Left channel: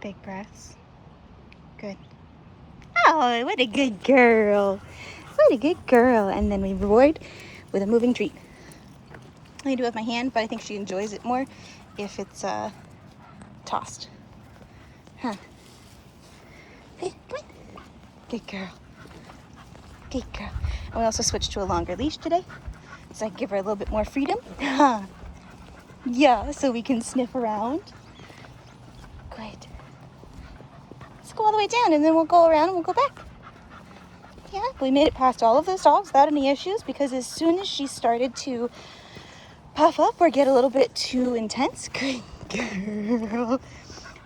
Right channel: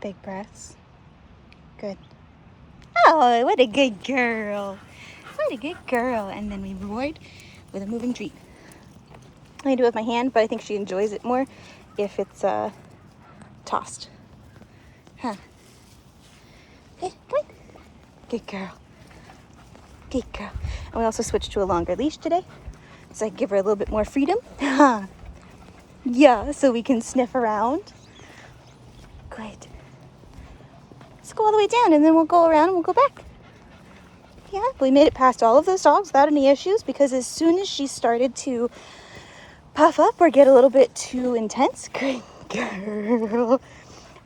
Big breaths. Good. Oh, what a good girl. What a good girl. And then we reward with a moving treat. I do it with my hand, but I think she enjoys it more if it's tossed. Huh. Okay, come on. Good girl. Good girl. And we also switched to a longer leash today, so I can give her a little bit more freedom. Yeah, so we can sniff around. Great. Let's go all the way down and then we'll go around and we'll go back. Yeah, we made it past all of those dogs without any issues, because as soon as she started to puff up or get a little bit too intense, good girl,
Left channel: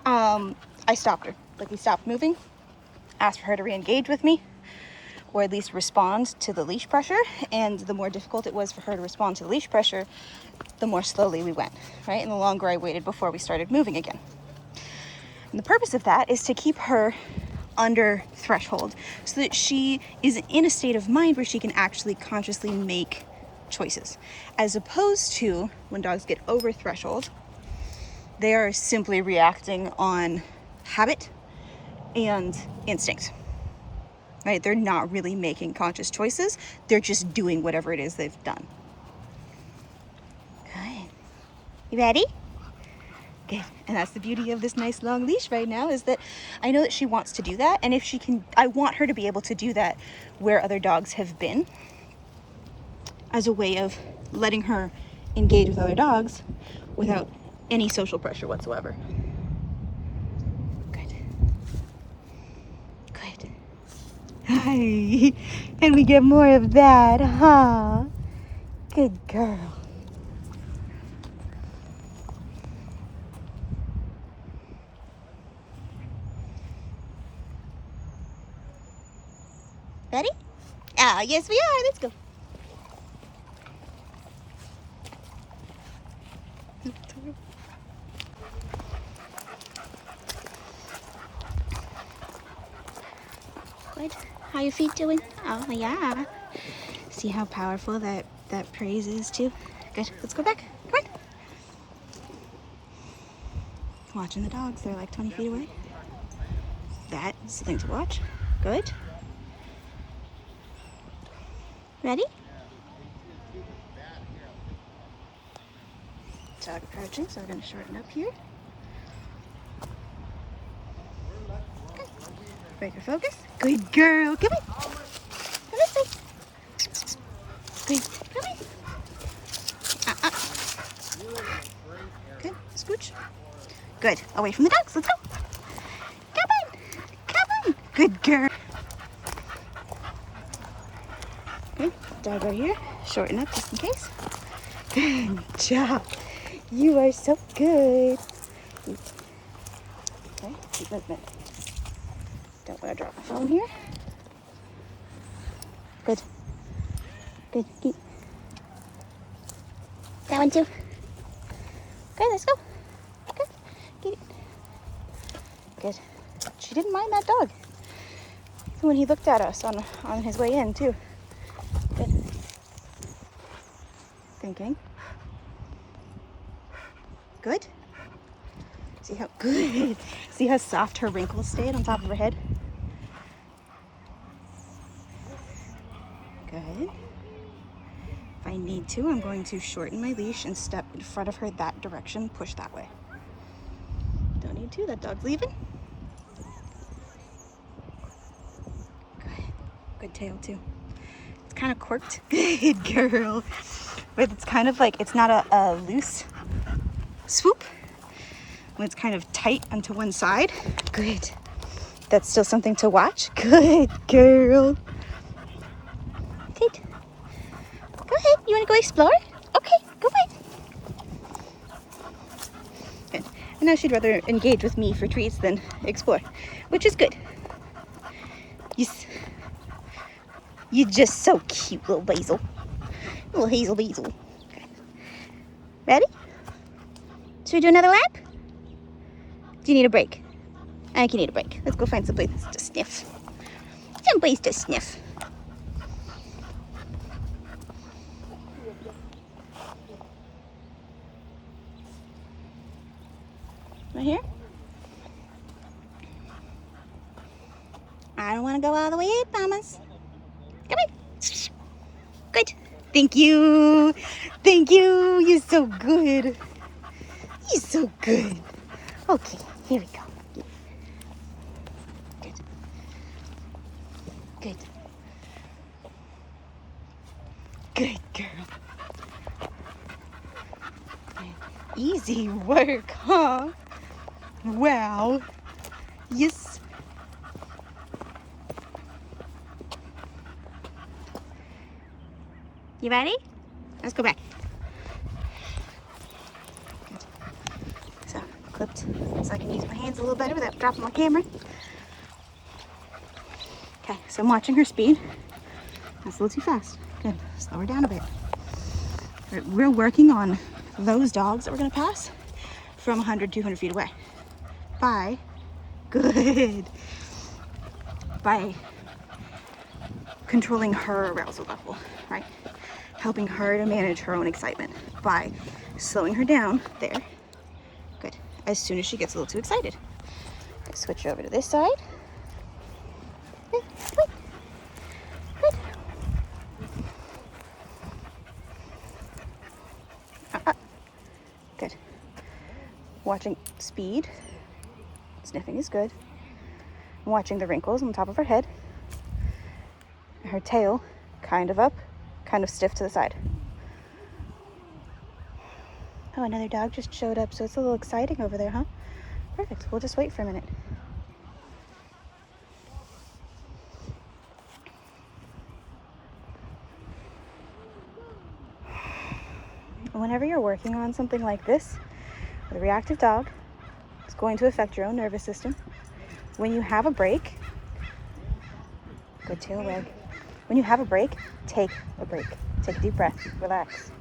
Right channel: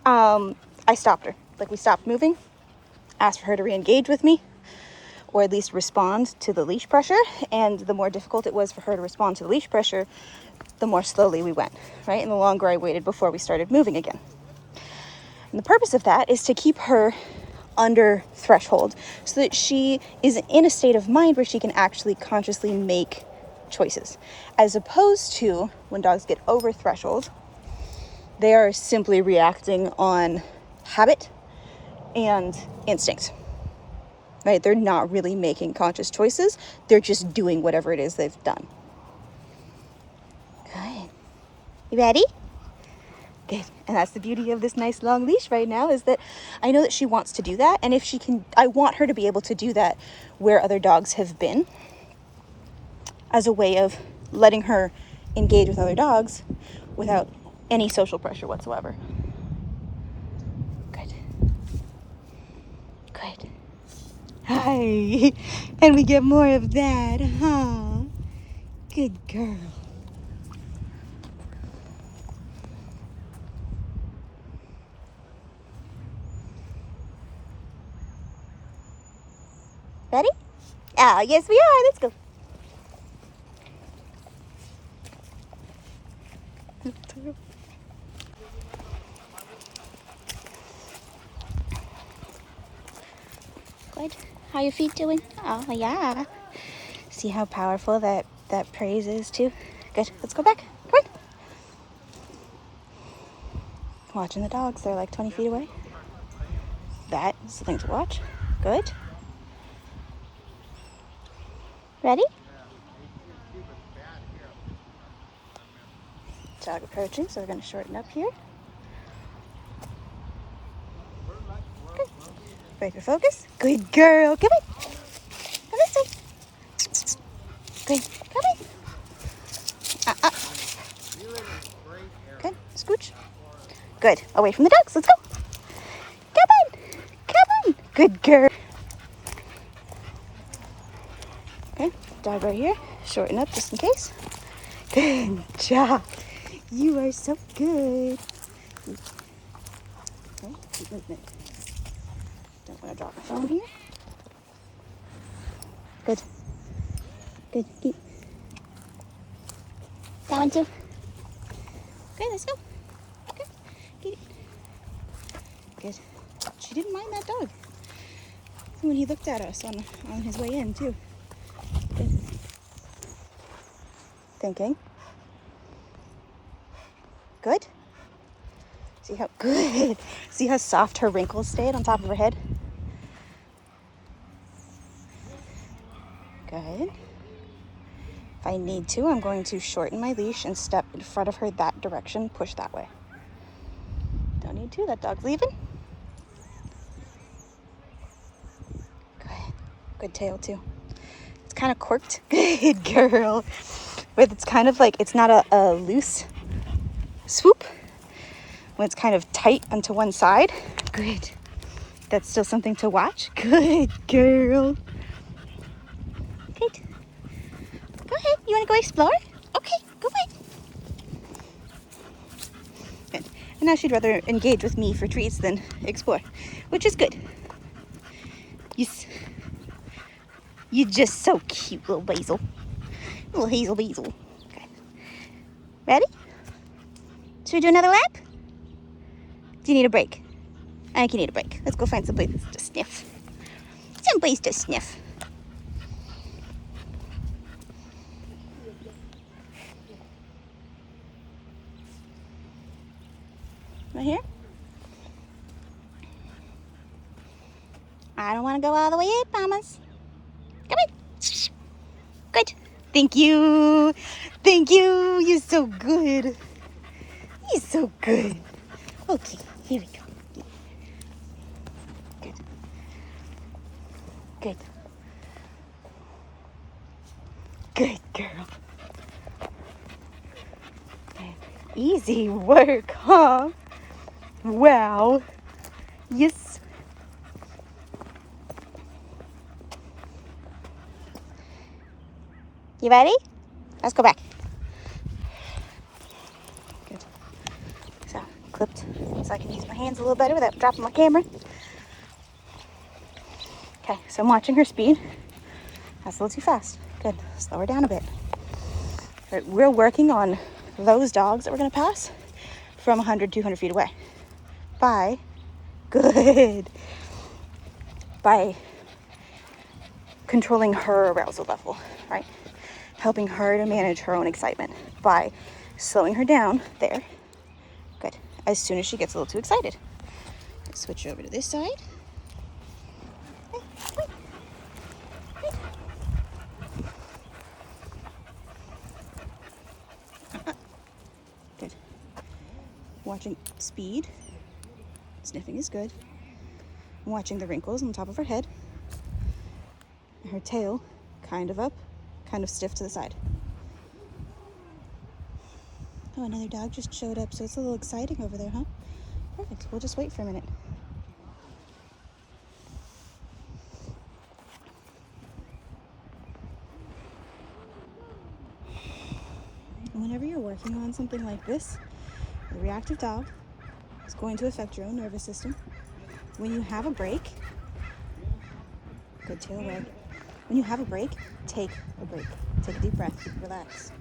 I stopped her. Like, we stopped moving, asked for her to re-engage with me, or at least respond to the leash pressure. And the more difficult it was for her to respond to the leash pressure, the more slowly we went, right? And the longer I waited before we started moving again. And the purpose of that is to keep her under threshold so that she is in a state of mind where she can actually consciously make choices, as opposed to when dogs get over threshold, they are simply reacting on habit and instinct, right? They're not really making conscious choices. They're just doing whatever it is they've done. Okay, you ready? Good. And that's the beauty of this nice long leash right now, is that I know that she wants to do that. And if she can, I want her to be able to do that where other dogs have been, as a way of letting her engage with other dogs without any social pressure whatsoever. Good. Good. Hi. And we get more of that, huh? Good girl. Ready? Ah, yes we are. Let's go. Good. How your feet doing? Oh, yeah. See how powerful that praise is too? Good. Let's go back. Come on. Watching the dogs. They're like 20 feet away. That is the thing to watch. Good. Ready? Dog approaching, so we're going to shorten up here. Good. Break your focus. Good girl. Come on. Come this way. Good. Come on. Good. Scooch. Good. Away from the dogs. Let's go. Come on. Come on. Good girl. Good. Dog right here. Shorten up just in case. Good job. You are so good. Okay, keep movement. Don't want to drop my phone here. Good. Good. Keep. That one too. Okay, let's go. Okay, get it. Good. She didn't mind that dog. Even when he looked at us on his way in too. Good. Thinking. Good. See how good. See how soft her wrinkles stayed on top of her head? Good. If I need to, I'm going to shorten my leash and step in front of her that direction, push that way. Don't need to, that dog's leaving. Good. Good tail too. It's kind of quirked. Good girl. But it's kind of like, it's not a loose swoop. When it's kind of tight onto one side. Good. That's still something to watch. Good girl. Good. Go ahead. You want to go explore? Okay, go ahead. Good. And now she'd rather engage with me for treats than explore, which is good. You're just so cute, little Hazel. Little Hazel Basil. Okay. Ready? Should we do another lap? Do you need a break? I think you need a break. Let's go find some place to sniff. Some place to sniff. Right here? I don't want to go all the way up, mamas. Come on. Good. Thank you. Thank you. You're so good. You're so good. Okay, here we go. Good. Good. Good girl. Easy work, huh? Wow. Yes. You ready? Let's go back. Good. So, clipped so I can use my hands a little better without dropping my camera. Okay, so I'm watching her speed. That's a little too fast. Good. Slow her down a bit. Right, we're working on those dogs that we're going to pass from 100, 200 feet away. By, good, by controlling her arousal level, right? Helping her to manage her own excitement by slowing her down there. Good. As soon as she gets a little too excited. Okay, switch over to this side. Good. Watching speed. Sniffing is good. Watching the wrinkles on the top of her head. Her tail kind of up, kind of stiff to the side. Oh, another dog just showed up, so it's a little exciting over there, huh? Perfect. We'll just wait for a minute. Whenever you're working on something like this, with a reactive dog, it's going to affect your own nervous system. When you have a break, good tail wag. When you have a break, take a break. Take a deep breath, relax,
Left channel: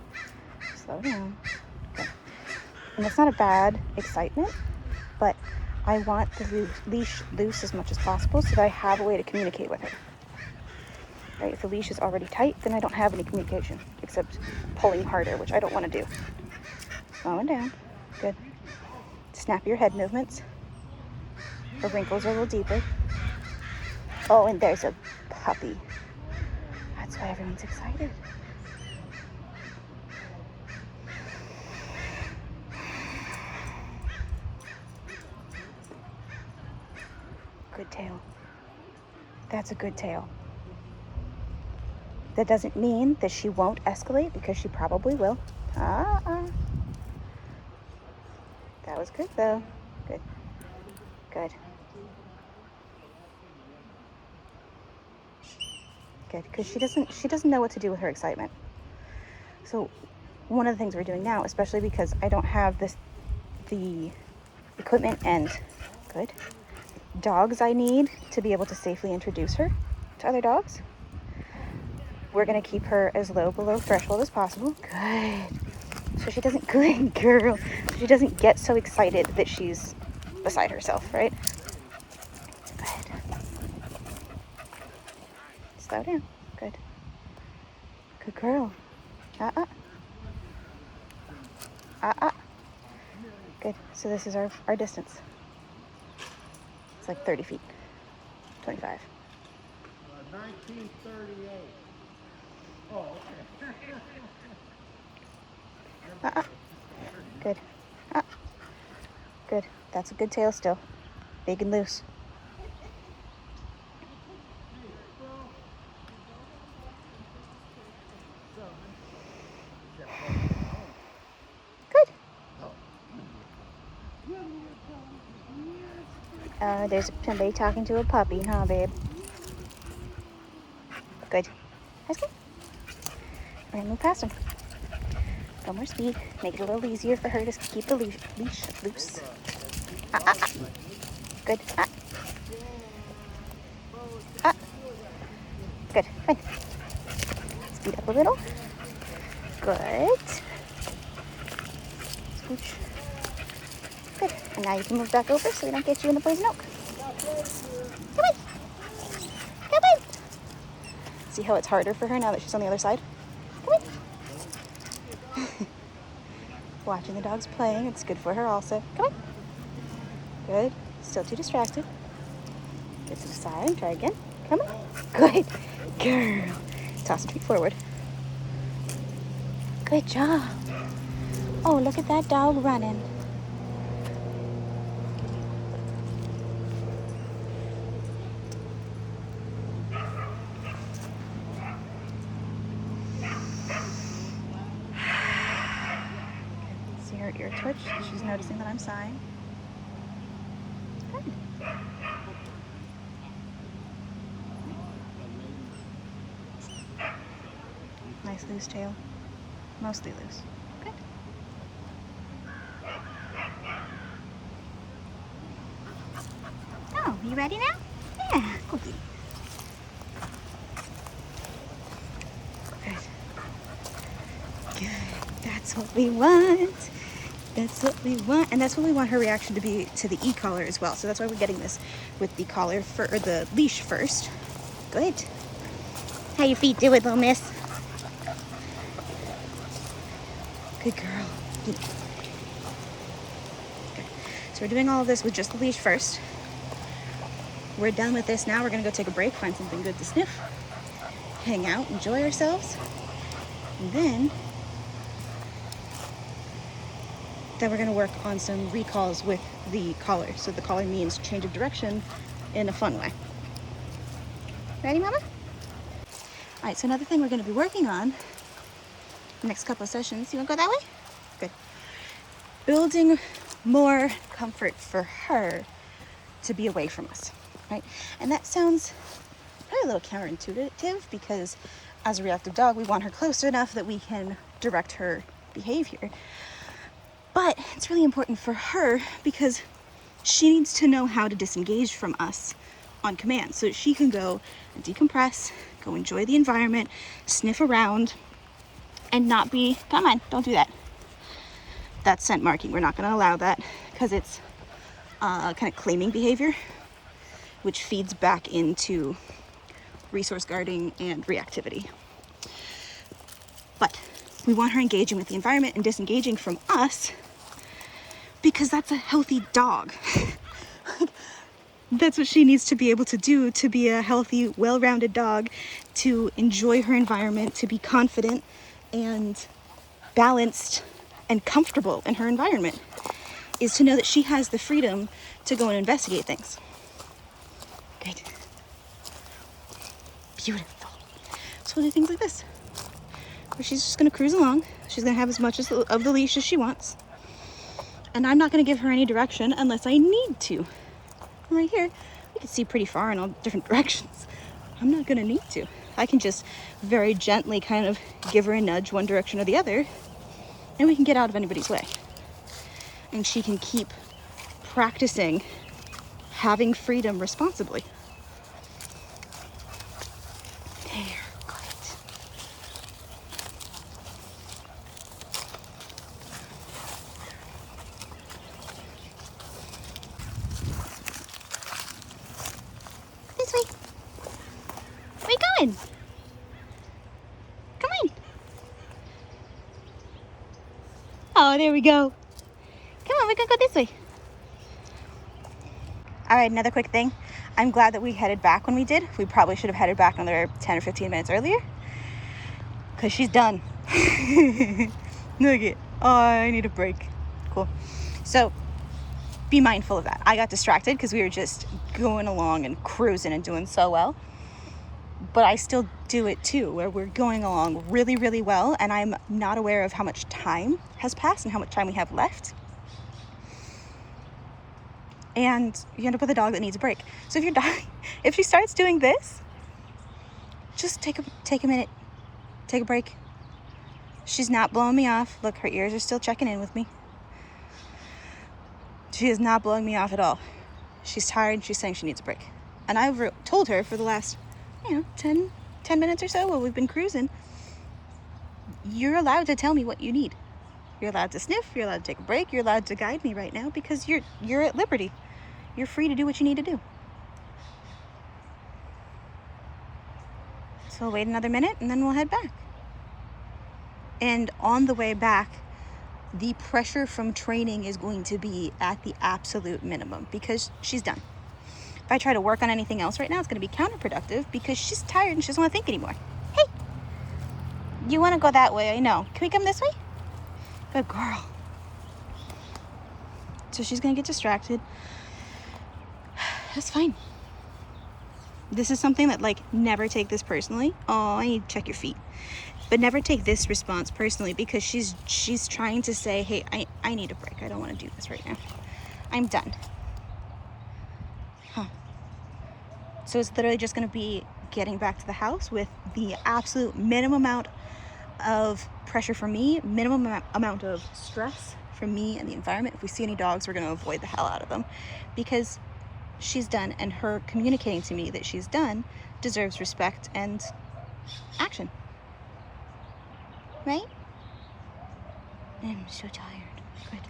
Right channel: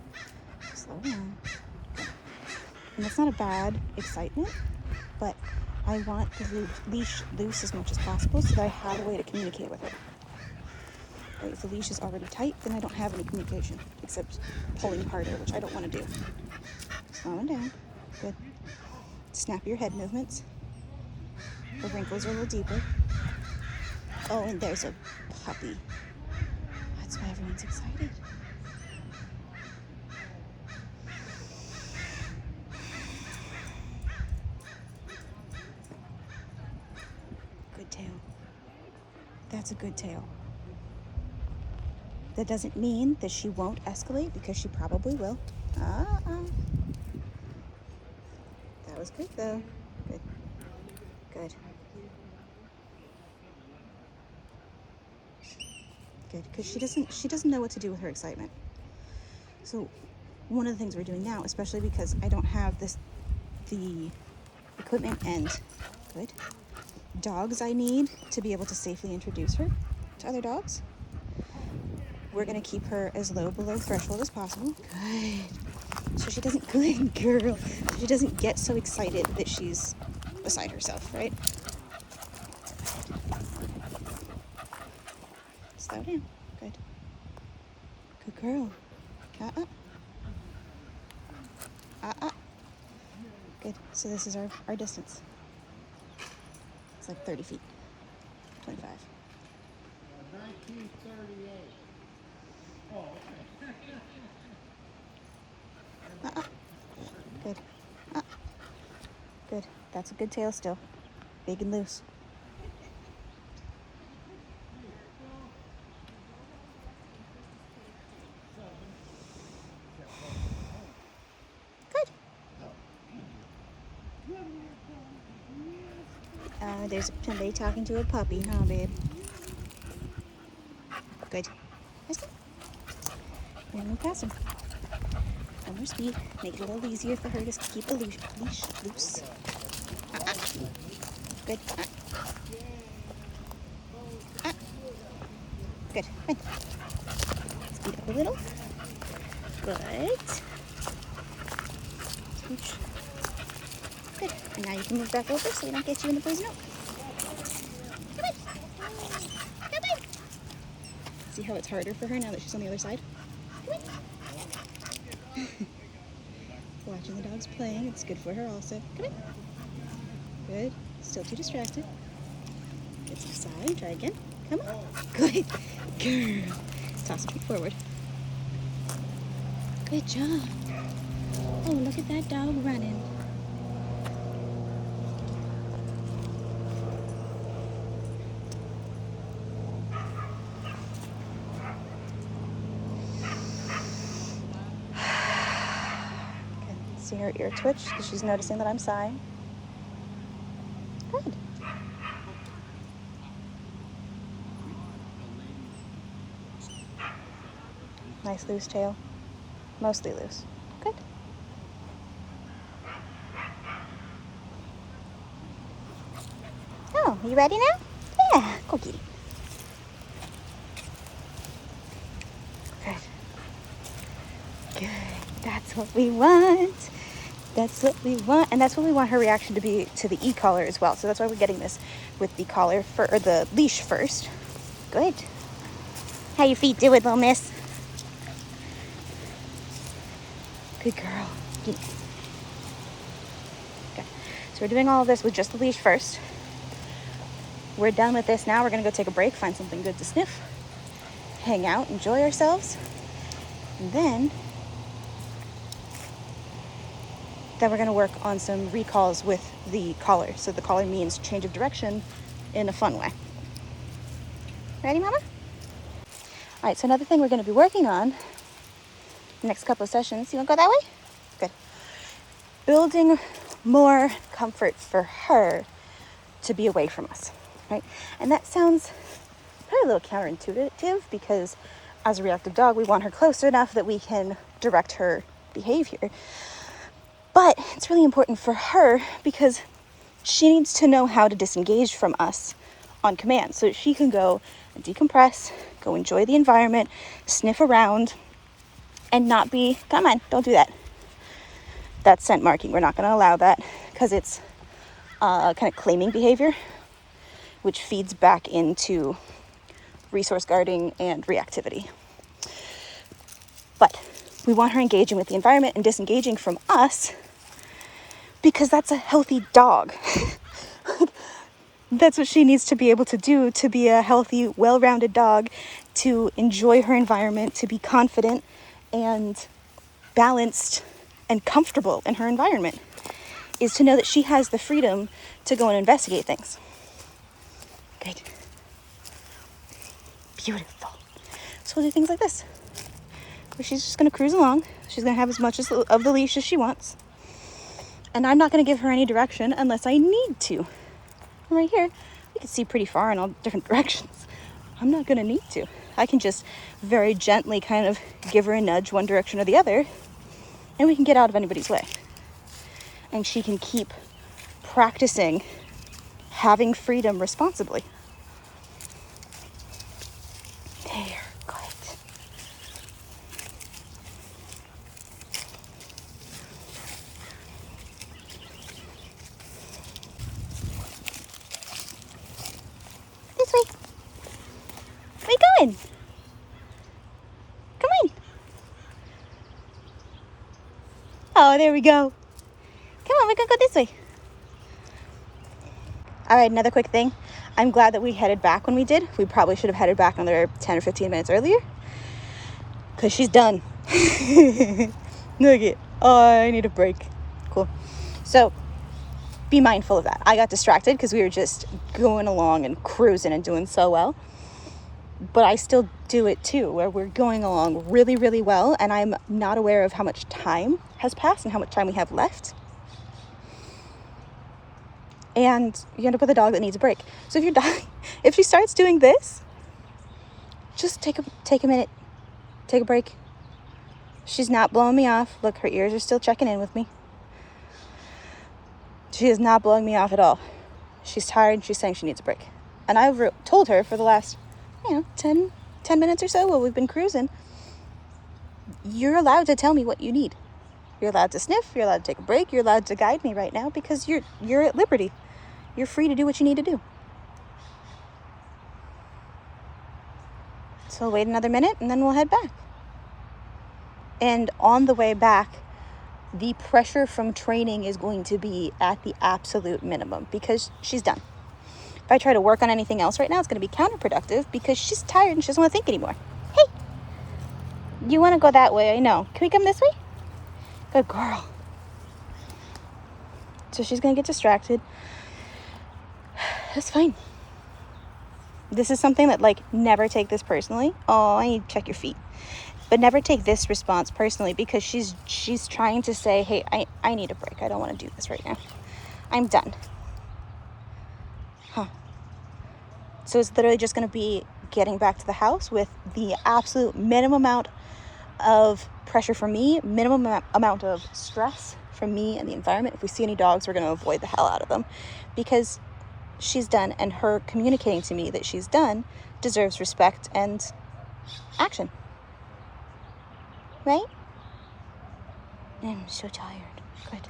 slow down. Okay. And it's not a bad excitement, but I want the leash loose as much as possible so that I have a way to communicate with her. Right? If the leash is already tight, then I don't have any communication except pulling harder, which I don't want to do. Slowing down. Good. Snap your head movements. Her wrinkles are a little deeper. Oh, and there's a puppy. That's why everyone's excited. Good tail. That's a good tail. That doesn't mean that she won't escalate, because she probably will. That was good though. Good. Good. Good. Because she doesn't know what to do with her excitement. So one of the things we're doing now, especially because I don't have the equipment and good dogs I need to be able to safely introduce her to other dogs, we're going to keep her as low below threshold as possible. Good. So she doesn't, good girl, she doesn't get so excited that she's beside herself, right? Good. Slow down. Good. Good girl. Good. So this is our distance. It's like 30 feet. 25. 1938. Oh, okay. Good. Good. That's a good tail still. Big and loose. Good. There's somebody talking to a puppy, huh, babe? Good. That's good. We're gonna move past him. No more speed. Make it a little easier for her to keep the leash loose. Good. Good. Fine. Speed up a little. Good. Scooch. Good. And now you can move back over so we don't get you in the poison oak. Come on. Come on. See how it's harder for her now that she's on the other side? Come on. Watching the dogs playing, it's good for her also. Come on. Good. Still too distracted. Good. to the side. Try again. Come on. Good. Girl. Toss the feet forward. Good job. Oh, look at that dog running. See her ear twitch because she's noticing that I'm sighing. Good. Nice loose tail. Mostly loose. Good. Oh, you ready now? Yeah, cookie. Good. Good. That's what we want. That's what we want. And that's what we want her reaction to be to the e-collar as well. So that's why we're getting this with the collar or the leash first. Good. How your feet doing, little miss? Good girl. Good. Okay. So we're doing all of this with just the leash first. We're done with this now. We're going to go take a break, find something good to sniff, hang out, enjoy ourselves. And then we're going to work on some recalls with the collar. So the collar means change of direction in a fun way. Ready, Mama? All right, so another thing we're going to be working on the next couple of sessions. You want to go that way? Good. Building more comfort for her to be away from us, right? And that sounds probably a little counterintuitive because as a reactive dog, we want her close enough that we can direct her behavior. But it's really important for her because she needs to know how to disengage from us on command so that she can go and decompress, go enjoy the environment, sniff around, and not be, come on, don't do that. That's scent marking. We're not going to allow that because it's kind of claiming behavior, which feeds back into resource guarding and reactivity. But we want her engaging with the environment and disengaging from us because that's a healthy dog. That's what she needs to be able to do to be a healthy, well-rounded dog, to enjoy her environment, to be confident and balanced and comfortable in her environment, is to know that she has the freedom to go and investigate things. Good. Beautiful. So we'll do things like this. So she's just going to cruise along. She's going to have as much of the leash as she wants. And I'm not going to give her any direction unless I need to. And right here, you can see pretty far in all different directions. I'm not going to need to. I can just very gently kind of give her a nudge one direction or the other, and we can get out of anybody's way. And she can keep practicing having freedom responsibly. There, good. This way. Where are you going? Come on. Oh, there we go. Come on, we're gonna go this way. All right, another quick thing. I'm glad that we headed back when we did. We probably should have headed back another 10 or 15 minutes earlier because she's done. Look it. Oh, I need a break. Cool. So be mindful of that. I got distracted because we were just going along and cruising and doing so well. But I still do it too, where we're going along really, really well, and I'm not aware of how much time has passed and how much time we have left. And you end up with a dog that needs a break. So if your dog, if she starts doing this, just take a minute, take a break. She's not blowing me off. Look, her ears are still checking in with me. She is not blowing me off at all. She's tired. She's saying she needs a break. And I've told her for the last, 10 minutes or so while we've been cruising, you're allowed to tell me what you need. You're allowed to sniff. You're allowed to take a break. You're allowed to guide me right now because you're at liberty. You're free to do what you need to do. So wait another minute and then we'll head back. And on the way back, the pressure from training is going to be at the absolute minimum because she's done. If I try to work on anything else right now, it's going to be counterproductive because she's tired and she doesn't want to think anymore. Hey, you want to go that way? I know. Can we come this way? Good girl. So she's going to get distracted. That's fine. This is something that, like, never take this personally. Oh, I need to check your feet. But never take this response personally because she's trying to say, hey, I need a break. I don't want to do this right now. I'm done. Huh. So it's literally just going to be getting back to the house with the absolute minimum amount of pressure for me, minimum amount of stress from me and the environment. If we see any dogs, we're going to avoid the hell out of them because she's done, and her communicating to me that she's done deserves respect and action. Right? I'm so tired. Good.